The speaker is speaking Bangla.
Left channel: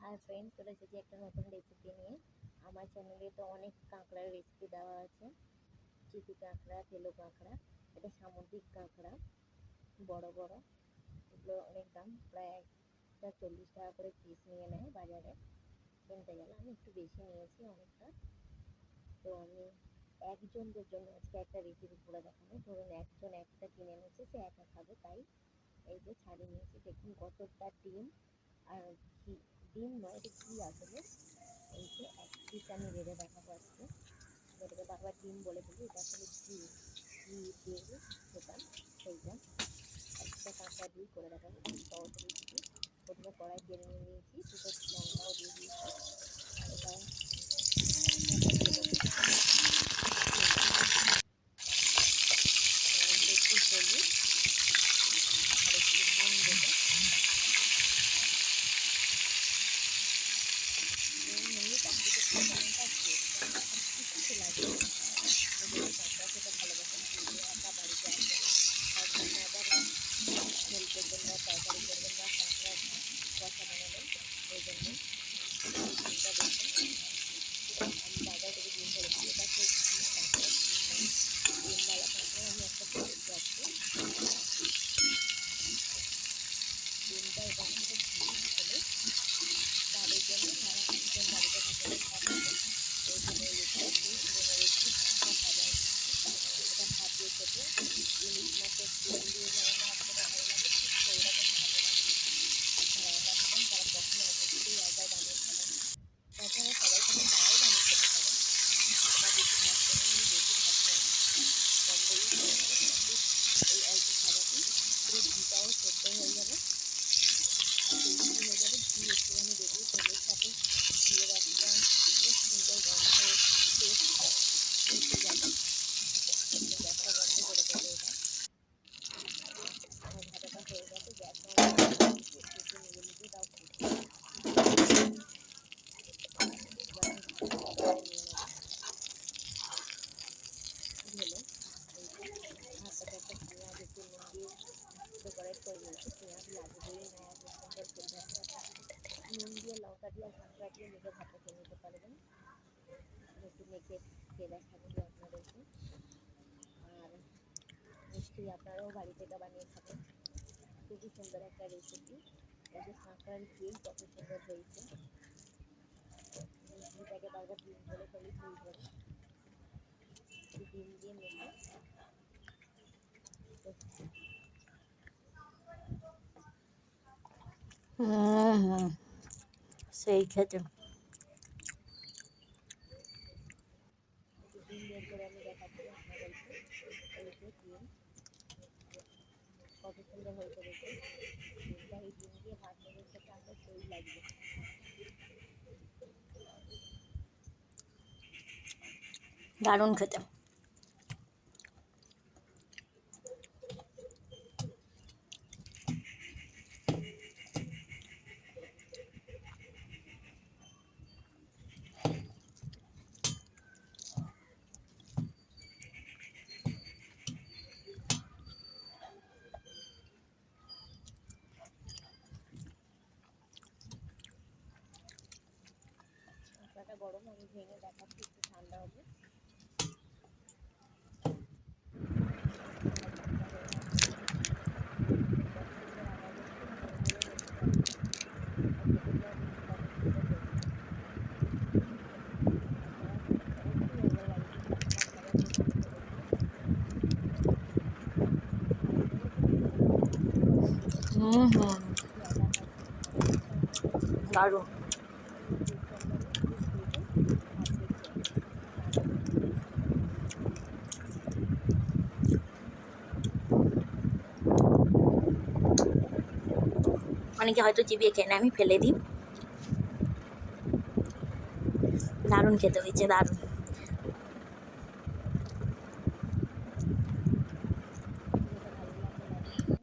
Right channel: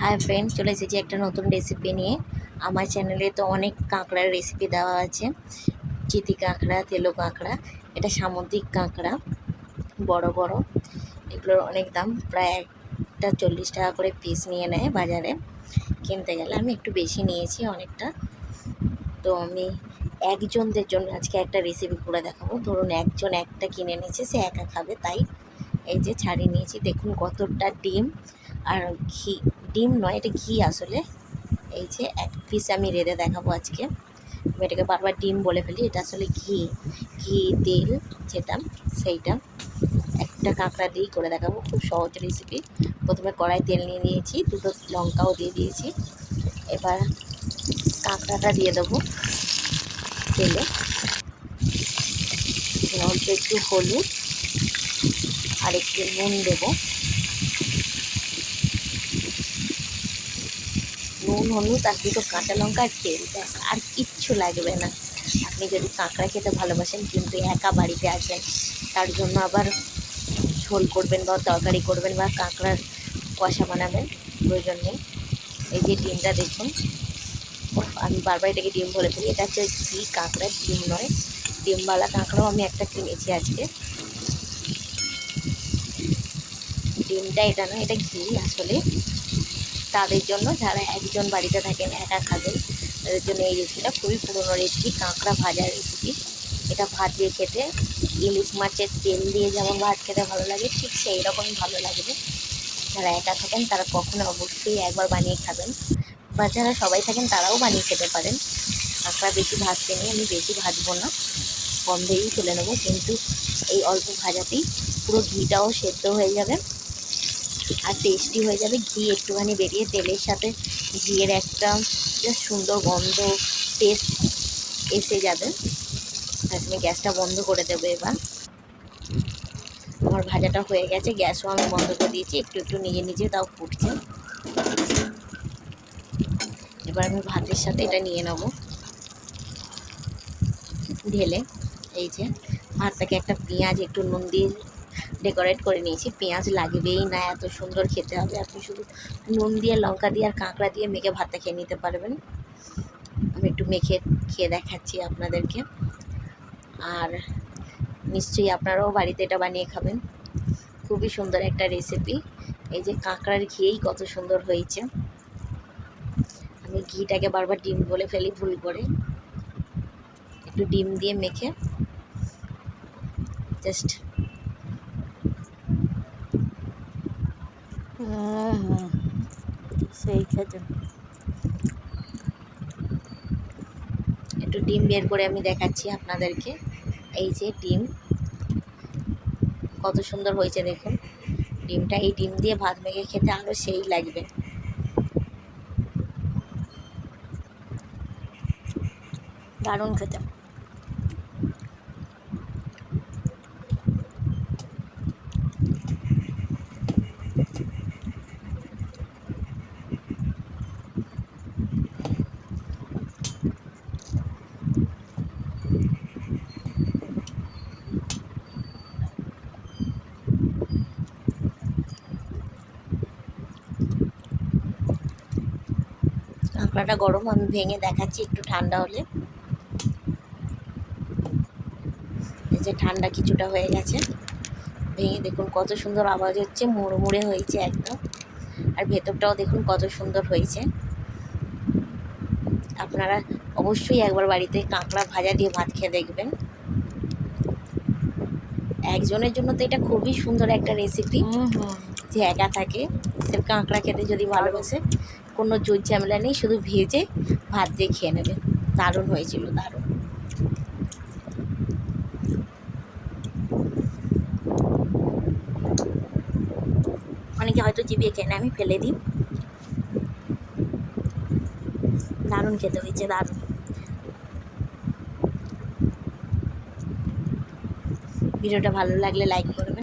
হাই ফ্রেন্ড, চলে এসেছি একটা নতুন রেসিপি নিয়ে। আমার চ্যানেলে তো অনেক কাঁকড়ার রেসিপি দেওয়া আছে। চিতি কাঁকড়া, তেলো কাঁকড়া, এটা সামুদ্রিক কাঁকড়া, বড় বড়। এগুলোর অনেক দাম, প্রায় একটা 40 টাকা করে পিস নিয়ে নেয় বাজারে কিনতে গেলে। আমি একটু বেশি নিয়েছি অনেকটা। তো আমি একজনদের জন্য আজকে একটা রেসিপি করে দেখাবো। ধরুন একজন একটা কিনে নিয়েছে, সে একা খাবে, তাই এই যে ছাড়িয়ে নিয়েছি। দেখুন কতটা ডিম আর ঘি, ডিম নয় এটা ঘি আসলে। এই যে এক পিস আমি রেঁধে দেখাবো আজকে। আমি এটাকে বারবার ডিম বলে ফেলি, এটা আসলে ঘি, তেল যেটা, সেইটা। একটা কাঁকড়া দিয়েই করে দেখাবো, খুব সহজ রেসিপি। প্রথমে কড়াই তেল নিয়ে নিয়েছি, দুটো লঙ্কাও দিয়ে দিয়েছি। এবার কাঁকড়াটা দিয়ে দেবো তেলে। অল্প একটু হলুদ আর একটু নুন দেবো। নুন, হলুদ আর দুটো কাঁচা লঙ্কা আর তেল, ব্যাস, আর কিচ্ছু লাগবে না। আপনি যদি কাঁকড়া খেতে ভালোবাসেন, কিন্তু একা বাড়িতে আসবেন, তার জন্য আবার ঝোল করবেন বা তরকারি করবেন বা কাঁকড়ার কষা বানাবেন, প্রয়োজন নেই। এই যে ডিমটা দেখুন, আমি বারবার এটাকে ডিম বলে ফেলি, এটা হচ্ছে ঘি কাঁকড়া, ডিম নয়। ডিমওয়ালা কাঁকড়াও আমি একটা কিনেছি আজকে। ডিমটা এটা নয়, এটা ঘি আসলে। তাদের জন্য যারা একজন বাড়িতে থাকেন, একা খাবেন, তাদের জন্য এই রেসিপিটা খুবই পুরনো রেসিপি, কাঁকড়া ভাজার রেসিপি। এটা ভাত দিয়ে খেতে, ইলিশ মাছের তেল দিয়ে যেমন ভাত খেতে ভালো লাগে, ঠিক সেই রকমই ভালো লাগবে। যারা একা খাবেন তারা কখনো অবশ্যই একবার বানিয়ে খাবেন, বা যারা সবাই থাকেন তারাও বানিয়ে খেতে পারেন। কাঁকড়া বেশি ভাজতে নেই, আমি বেশি ভাজবো না, কম ভেজেই ফেলে নেবো, কিন্তু এই অল্প ভাজাতেই পুরো ঘিটাও সেদ্ধ হয়ে যাবে আর টেস্টি হয়ে যাবে। ঘি একটুখানি বেরিয়ে তেলের সাথে ঘিয়ের একটা বেশ সুন্দর গন্ধ, টেস্ট এসে যাবে। আপনি গ্যাসটা বন্ধ করে দেবো। এবার আমার ভাজাটা হয়ে গেছে, গ্যাসও আমি বন্ধ করে দিয়েছি, একটু একটু নিজে নিজে তাও ফুটছে। এবার আমি ভাতের সাথে এটা নিয়ে নেবো ঢেলে। এই যে ভাতটাকে একটা পেঁয়াজ একটু নুন দিয়ে ডেকোরেট করে নিয়েছি। পেঁয়াজ লাগবেই না, এত সুন্দর খেতে হবে। আপনি শুধু নুন দিয়ে, লঙ্কা দিয়ে আর কাঁকড়া দিয়ে মেখে ভাতটা খেয়ে নিতে পারবেন। আমি একটু মেখে খেয়ে দেখাচ্ছি আপনাদেরকে, আর নিশ্চয়ই আপনারাও বাড়িতে এটা বানিয়ে খাবেন। খুবই সুন্দর একটা রেসিপি। এই যে কাঁকড়ার ঘিয়েই কত সুন্দর হয়েছে। আমি ঘিটাকে বারবার ডিম বলে ফেলি ভুল করে। একটু ডিম দিয়ে মেখে জাস্ট সেই খেতে, একটু ডিম বের করে আমি দেখাচ্ছি আপনাদেরকে। এই যে ডিম কত সুন্দর হয়েছে দেখুন। ডিমটা, এই ডিম দিয়ে ভাত মেখে খেতে আরও সেই লাগবে। দারুণ খেতে। কাঁকড়াটা গরম, আমি ভেঙে দেখাচ্ছি একটু ঠান্ডা হলে। এই যে ঠান্ডা কিছুটা হয়ে গেছে, ভেঙে দেখুন কত সুন্দর আওয়াজ হচ্ছে, মুড়মুড়ে হয়েছে একদম। আর ভেতরটাও দেখুন কত সুন্দর হয়েছে। আপনারা অবশ্যই একবার বাড়িতে কাঁকড়া ভাজা দিয়ে ভাত খেয়ে দেখবেন। একজনের জন্য তো এটা খুবই সুন্দর একটা রেসিপি। যে একা থাকে, সে কাঁকড়া খেতে যদি ভালোবাসে, কোনো জোর ঝামেলা নেই, শুধু ভেজে ভাত দিয়ে খেয়ে নেবে। দারুণ হয়েছিল, দারুণ। অনেকে হয়তো চিবিয়ে খেয়ে নেয়, আমি ফেলে দিই। দারুণ খেতে হয়েছে, দারুণ। ভিডিওটা ভালো লাগলে লাইক করবেন।